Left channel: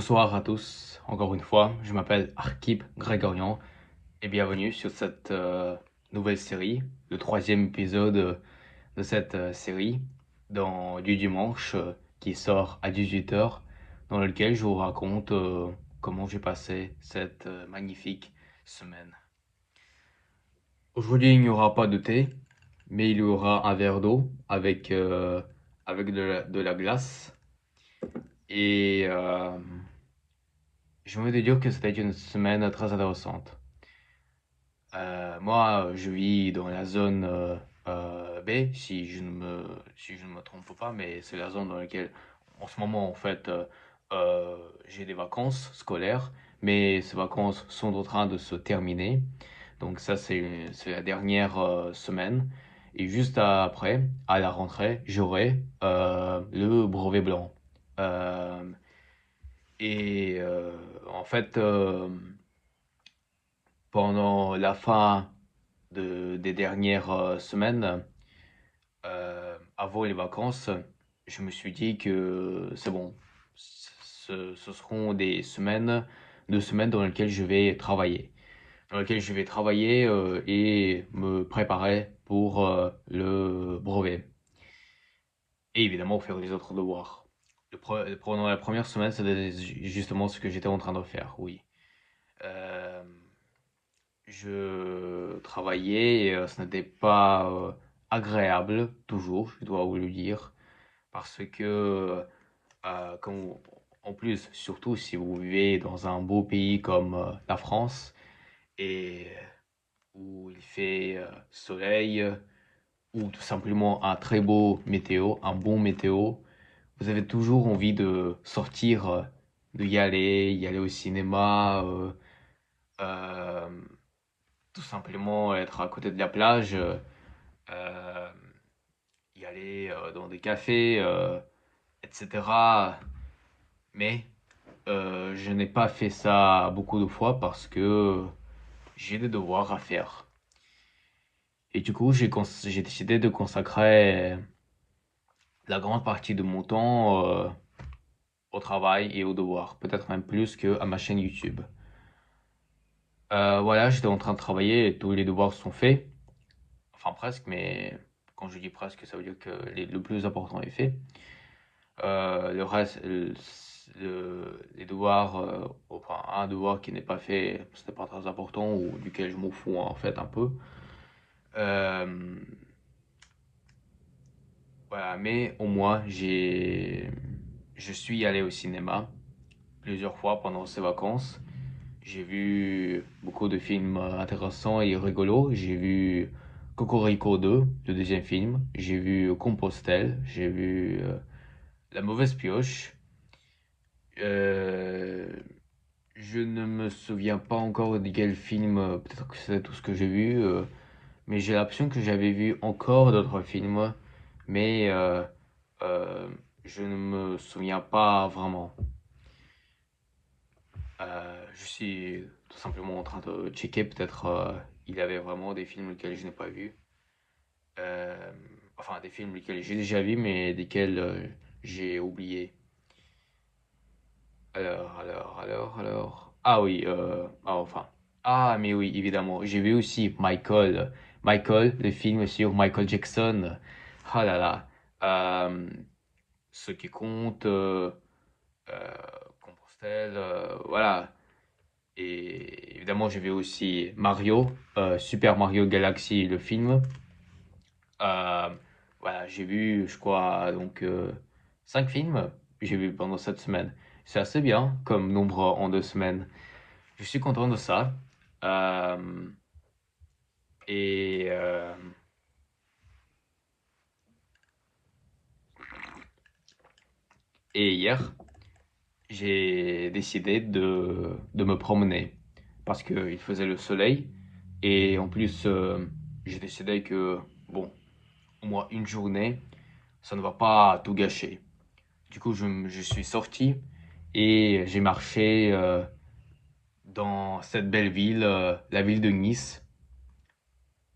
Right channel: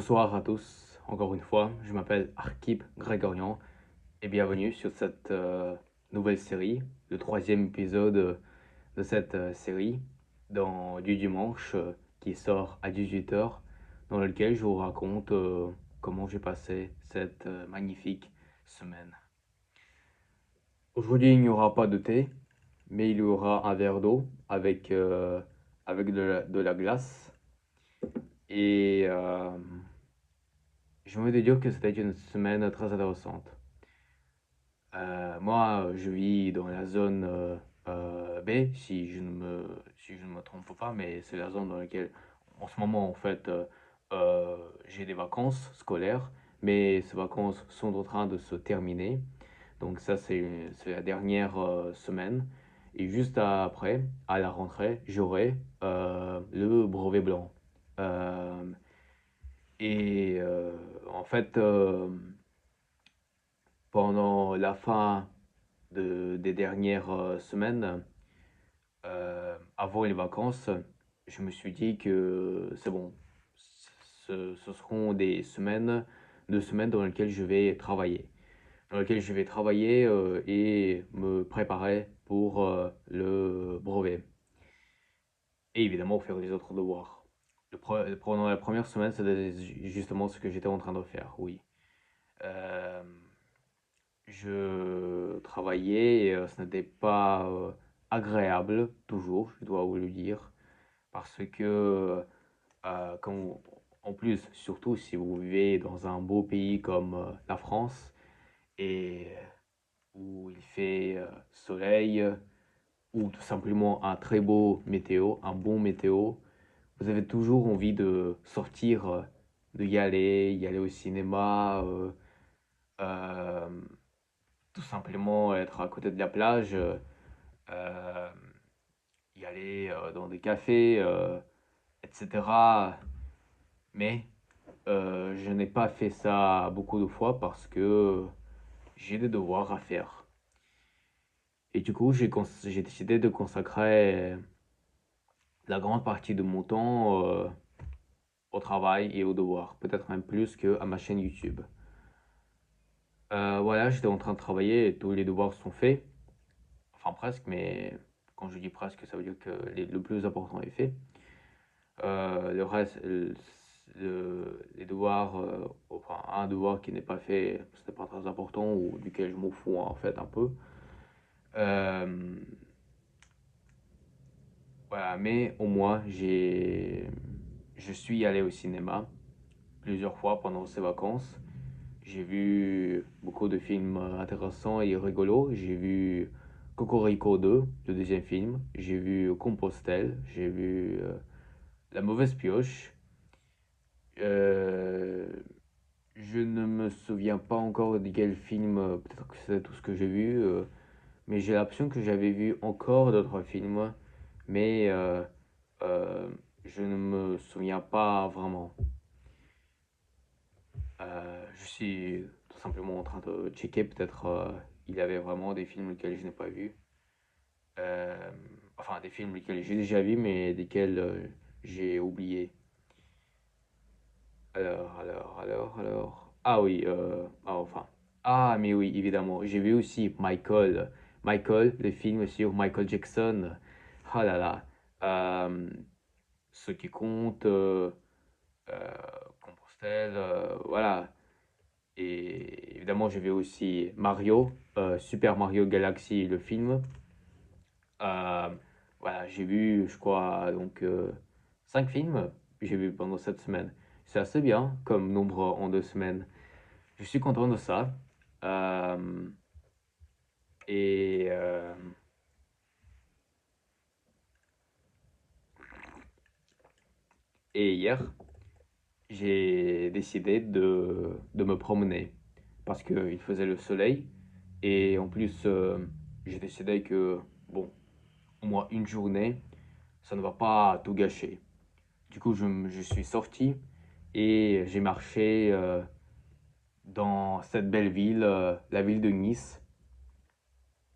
Bonsoir à tous, encore une fois, je m'appelle Arkip Grégorian et bienvenue sur cette nouvelle série, le troisième épisode de cette série du dimanche qui sort à 18 h, dans lequel je vous raconte comment j'ai passé cette magnifique semaine. Aujourd'hui, il n'y aura pas de thé, mais il y aura un verre d'eau avec de la glace et je veux te dire que c'était une semaine très intéressante. Moi, je vis dans la zone B, si je ne me trompe pas, mais c'est la zone dans laquelle, en ce moment, en fait, j'ai des vacances scolaires, mais ces vacances sont en train de se terminer. Donc ça, c'est la dernière semaine. Et juste après, à la rentrée, j'aurai le brevet blanc. Euh, en fait, pendant la fin des dernières semaines, avant les vacances, je me suis dit que c'est bon. Ce seront des semaines, 2 semaines dans lesquelles je vais travailler. Dans lesquelles je vais travailler et me préparer pour le brevet. Et évidemment faire les autres devoirs. Pendant la première semaine, c'était justement ce que j'étais en train de faire, oui. Euh, Je travaillais et ce n'était pas agréable, toujours, je dois vous le dire, parce que, en plus, surtout si vous vivez dans un beau pays comme la France, et où il fait soleil, ou tout simplement un très beau météo, un bon météo, vous avez toujours envie de sortir, de y aller au cinéma, euh, tout simplement être à côté de la plage, euh, y aller dans des cafés, etc. Mais je n'ai pas fait ça beaucoup de fois parce que j'ai des devoirs à faire. Et du coup, j'ai décidé de consacrer la grande partie de mon temps au travail et aux devoirs, peut-être même plus qu'à ma chaîne YouTube. Voilà, j'étais en train de travailler et tous les devoirs sont faits. Enfin, presque, mais quand je dis presque, ça veut dire que le plus important est fait. Le reste, les devoirs, enfin, un devoir qui n'est pas fait, c'était pas très important ou duquel je m'en fous en fait un peu. Euh, voilà, mais au moins, je suis allé au cinéma plusieurs fois pendant ces vacances. J'ai vu beaucoup de films intéressants et rigolos. J'ai vu Cocorico 2, le deuxième film. J'ai vu Compostelle. J'ai vu La Mauvaise Pioche. Euh, je ne me souviens pas encore de quel film, peut-être que c'est tout ce que j'ai vu, mais j'ai l'impression que j'avais vu encore d'autres films, mais euh, je ne me souviens pas vraiment. Je suis tout simplement en train de checker, peut-être il y avait vraiment des films lesquels je n'ai pas vus. Euh, enfin, des films lesquels j'ai déjà vus, mais desquels j'ai oublié. Alors. Ah oui, enfin. Ah, mais oui, évidemment. J'ai vu aussi Michael. Michael, le film sur Michael Jackson. Ah là là. Euh, Ce qui compte, euh, Compostelle, voilà. Et évidemment, j'ai vu aussi Mario, Super Mario Galaxy, le film. Euh, voilà, j'ai vu, je crois, donc 5 films que j'ai vu pendant cette semaine. C'est assez bien comme nombre en 2 semaines. Je suis content de ça. Euh, et, euh, et hier, j'ai décidé de me promener parce qu'il faisait le soleil. Et en plus, j'ai décidé que, bon, au moins une journée, ça ne va pas tout gâcher. Du coup, je suis sorti et j'ai marché dans cette belle ville, la ville de Nice.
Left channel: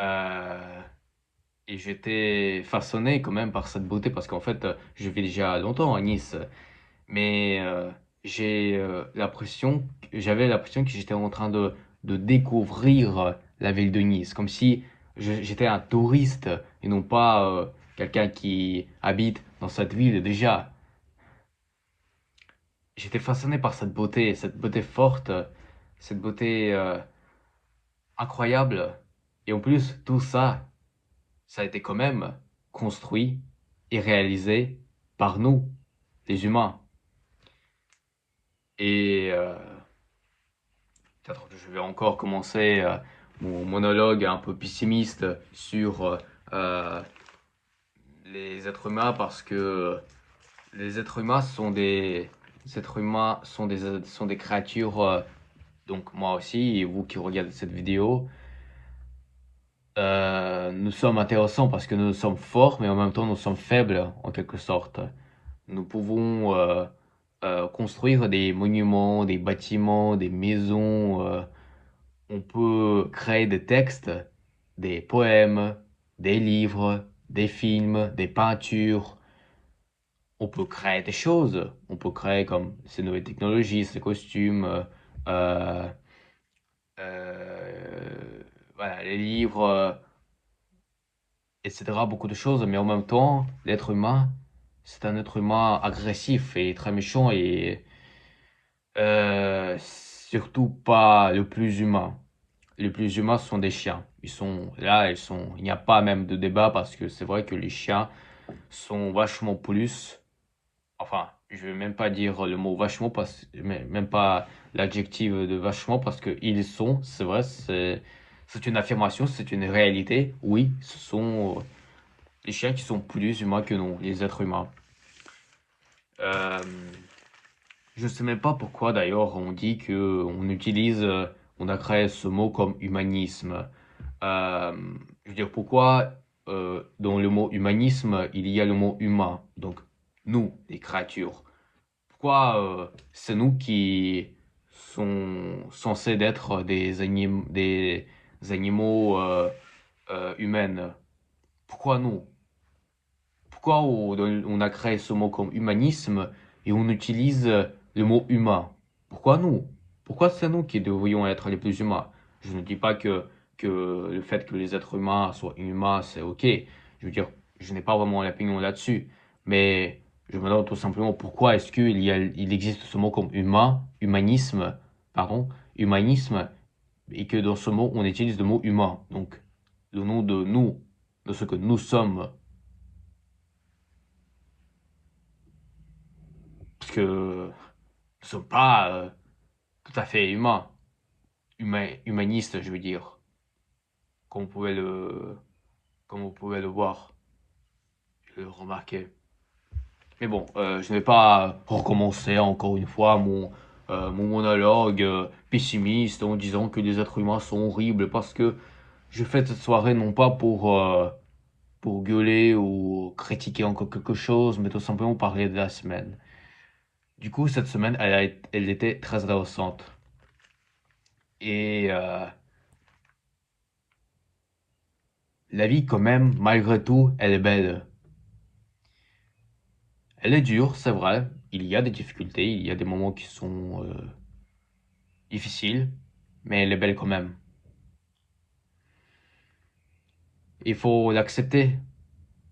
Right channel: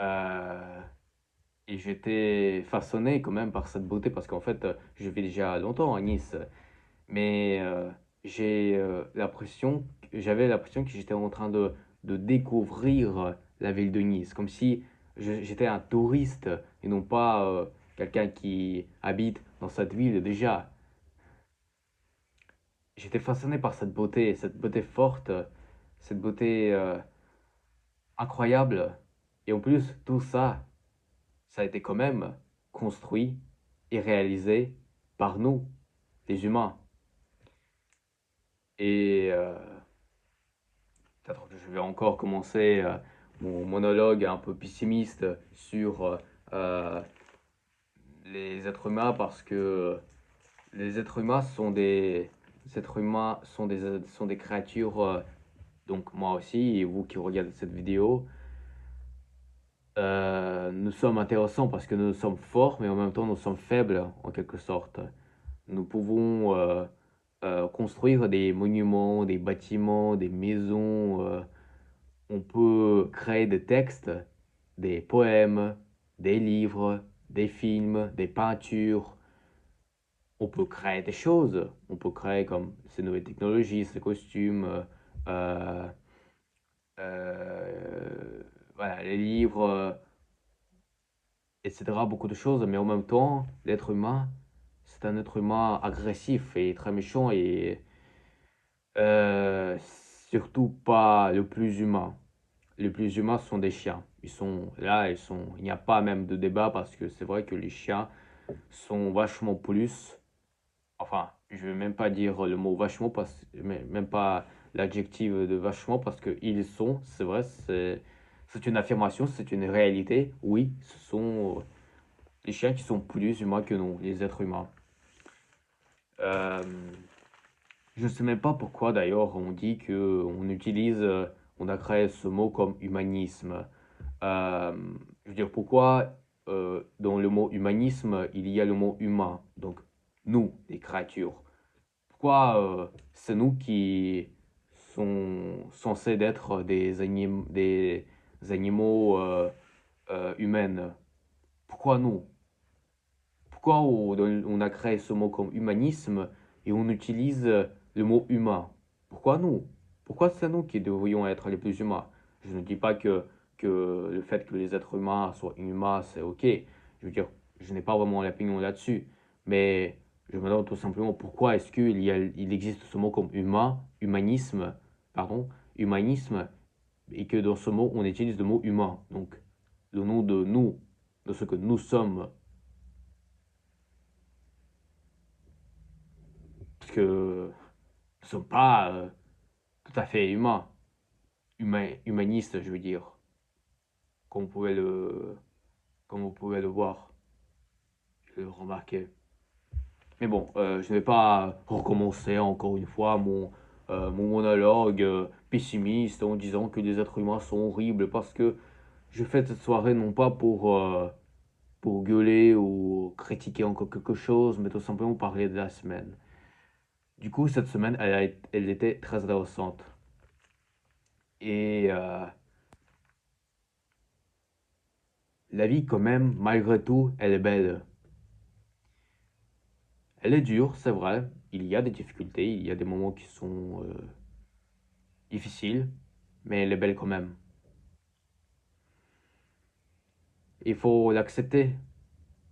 Euh, et j'étais façonné quand même par cette beauté parce qu'en fait, je vis déjà longtemps à Nice. Mais j'avais l'impression que j'étais en train de découvrir la ville de Nice, comme si j'étais un touriste et non pas quelqu'un qui habite dans cette ville déjà. J'étais fasciné par cette beauté forte, cette beauté incroyable. Et en plus, tout ça, ça a été quand même construit et réalisé par nous, les humains. Et peut-être que je vais encore commencer mon monologue un peu pessimiste sur euh, les êtres humains parce que les êtres humains sont des créatures, donc moi aussi, et vous qui regardez cette vidéo, nous sommes intéressants parce que nous sommes forts, mais en même temps nous sommes faibles en quelque sorte. Nous pouvons construire des monuments, des bâtiments, des maisons. On peut créer des textes, des poèmes, des livres, des films, des peintures. On peut créer des choses. On peut créer comme ces nouvelles technologies, ces costumes, euh, voilà, les livres, etc. Beaucoup de choses. Mais en même temps, l'être humain, c'est un être humain agressif et très méchant et surtout pas le plus humain. Les plus humains sont des chiens. Ils sont là, il n'y a pas même de débat parce que c'est vrai que les chiens sont vachement plus, enfin, je vais même pas dire le mot vachement même pas l'adjectif de vachement parce que ils sont, c'est vrai, c'est une affirmation, c'est une réalité. Oui, ce sont les chiens qui sont plus humains que nous, les êtres humains. Euh, je sais même pas pourquoi d'ailleurs on dit que on a créé ce mot comme humanisme. Euh, je veux dire, pourquoi dans le mot humanisme, il y a le mot humain, donc nous, les créatures. Pourquoi c'est nous qui sont censés être des animaux humains? Pourquoi nous? Pourquoi on a créé ce mot comme humanisme et on utilise le mot humain? Pourquoi nous? Pourquoi c'est nous qui devrions être les plus humains? Je ne dis pas que le fait que les êtres humains soient humains, c'est ok. Je veux dire, je n'ai pas vraiment l'opinion là-dessus. Mais je me demande tout simplement pourquoi est-ce il existe ce mot comme humain, humanisme, pardon, humanisme, et que dans ce mot, on utilise le mot humain. Donc, le nom de nous, de ce que nous sommes. Parce que nous ne sommes pas tout à fait humains, humanistes, je veux dire, comme vous pouvez comme vous pouvez le voir, le remarquer. Mais bon, je ne vais pas recommencer encore une fois mon monologue pessimiste en disant que les êtres humains sont horribles parce que je fais cette soirée non pas pour gueuler ou critiquer encore quelque chose, mais tout simplement parler de la semaine. Du coup, cette semaine, elle était très intéressante. Et la vie, quand même, malgré tout, elle est belle. Elle est dure, c'est vrai. Il y a des difficultés, il y a des moments qui sont difficiles, mais elle est belle quand même. Il faut l'accepter,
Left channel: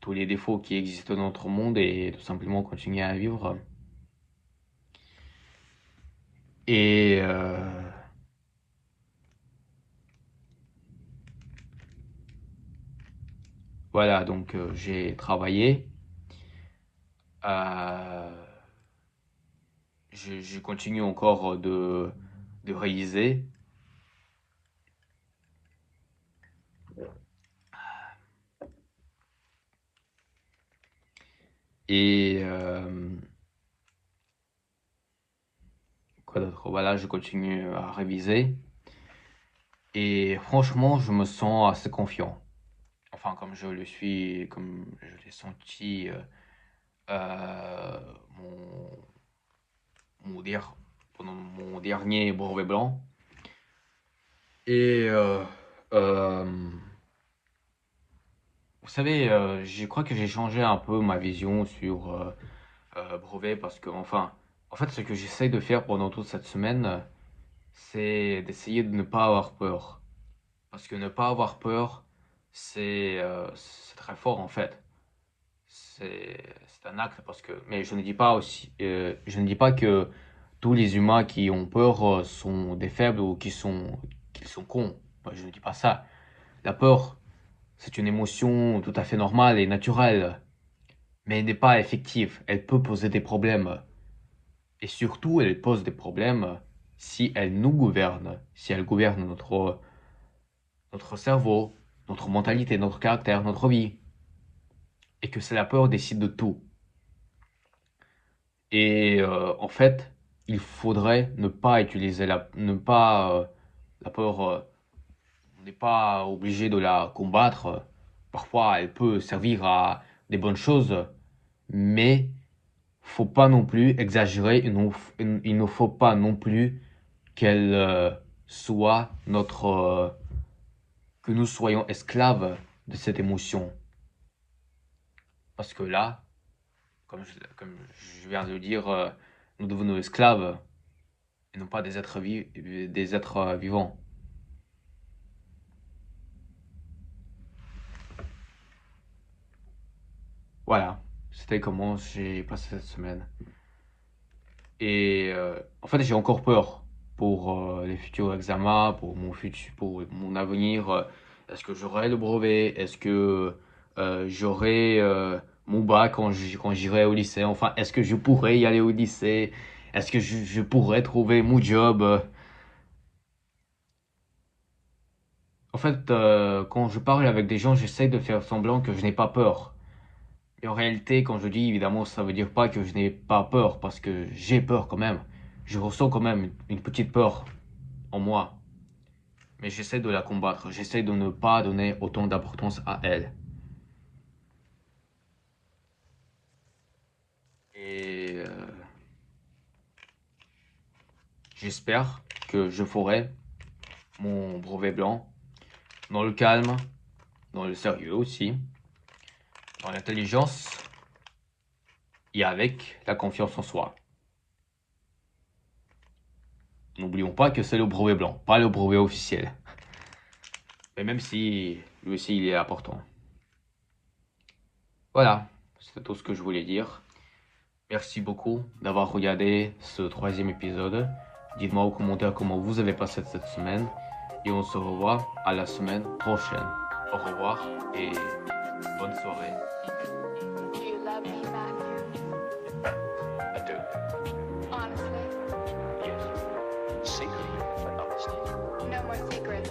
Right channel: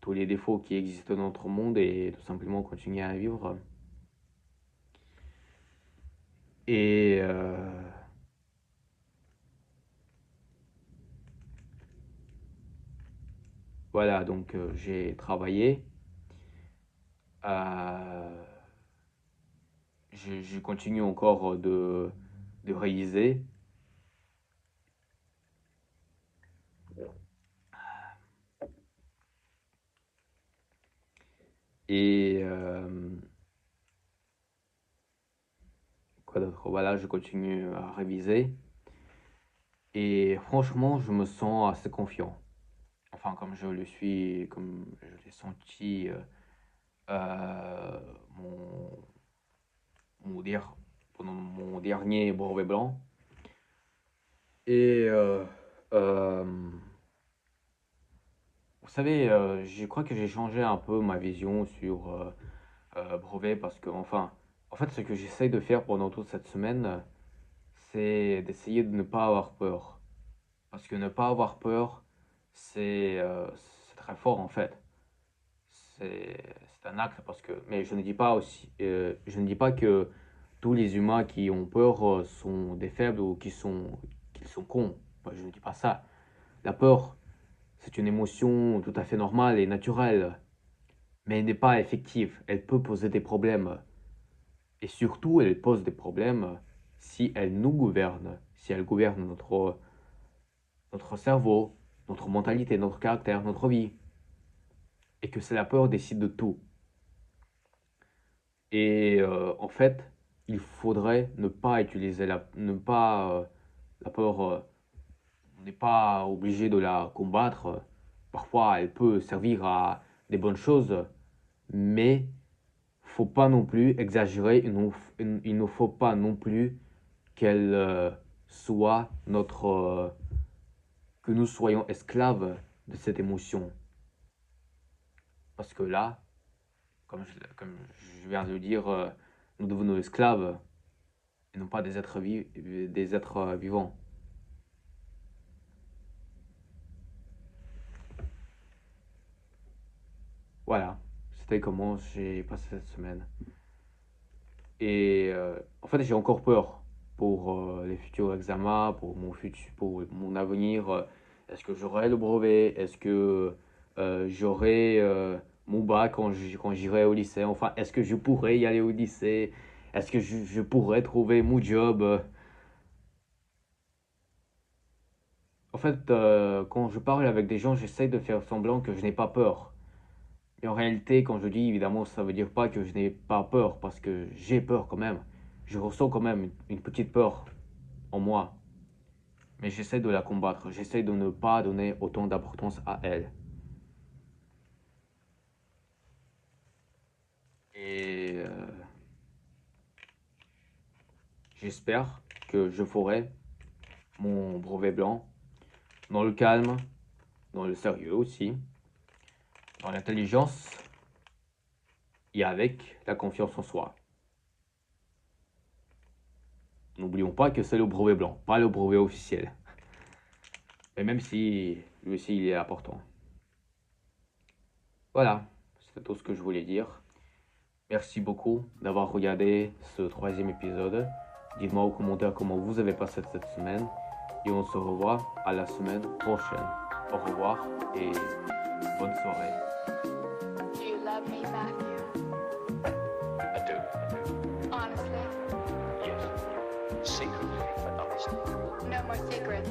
tous les défauts qui existent dans notre monde et tout simplement continuer à vivre. Et voilà, donc j'ai travaillé. Euh, je continue encore de réaliser. Et quoi d'autre? Voilà, je continue à réviser. Et franchement, je me sens assez confiant. Enfin, comme je l'ai senti euh, pendant mon dernier brevet blanc. Et euh, vous savez, je crois que j'ai changé un peu ma vision sur brevet parce que, enfin, En fait, ce que j'essaye de faire pendant toute cette semaine, c'est d'essayer de ne pas avoir peur. Parce que ne pas avoir peur, c'est très fort en fait. C'est un acte parce que, mais je ne dis pas aussi, je ne dis pas que tous les humains qui ont peur sont des faibles ou qu'ils sont cons. Moi, je ne dis pas ça. La peur, c'est une émotion tout à fait normale et naturelle, mais elle n'est pas effective. Elle peut poser des problèmes. Et surtout, elle pose des problèmes si elle nous gouverne, si elle gouverne notre cerveau, notre mentalité, notre caractère, notre vie. Et que c'est la peur décide de tout. Et en fait, il faudrait ne pas utiliser la peur. On n'est pas obligé de la combattre. Parfois, elle peut servir à des bonnes choses, mais faut pas non plus exagérer. Il ne faut pas non plus qu'elle soit que nous soyons esclaves de cette émotion. Parce que là, comme je viens de le dire, nous devenons esclaves et non pas des êtres vivants. Voilà, c'était comment j'ai passé cette semaine. Et en fait, j'ai encore peur pour les futurs examens, pour mon avenir. Est-ce que j'aurai le brevet? Est-ce que j'aurai mon bac quand j'irai au lycée? Enfin, est-ce que je pourrai y aller au lycée? Est-ce que je pourrai trouver mon job? En fait, quand je parle avec des gens, j'essaie de faire semblant que je n'ai pas peur. Et en réalité, quand je dis évidemment, ça veut dire pas que je n'ai pas peur, parce que j'ai peur quand même. Je ressens quand même une petite peur en moi. Mais j'essaie de la combattre. J'essaie de ne pas donner autant d'importance à elle. Et j'espère que je ferai mon brevet blanc dans le calme, dans le sérieux aussi, dans l'intelligence et avec la confiance en soi. N'oublions pas que c'est le brevet blanc, pas le brevet officiel. Mais même si lui aussi il est important. Voilà, c'est tout ce que je voulais dire. Merci beaucoup d'avoir regardé ce troisième épisode. Dites-moi aux commentaires comment vous avez passé cette semaine. Et on se revoit à la semaine prochaine. Au revoir et bonne soirée. Do you love me, Matthew? I do. Honestly? Yes. Secretly, but honestly. No more secrets.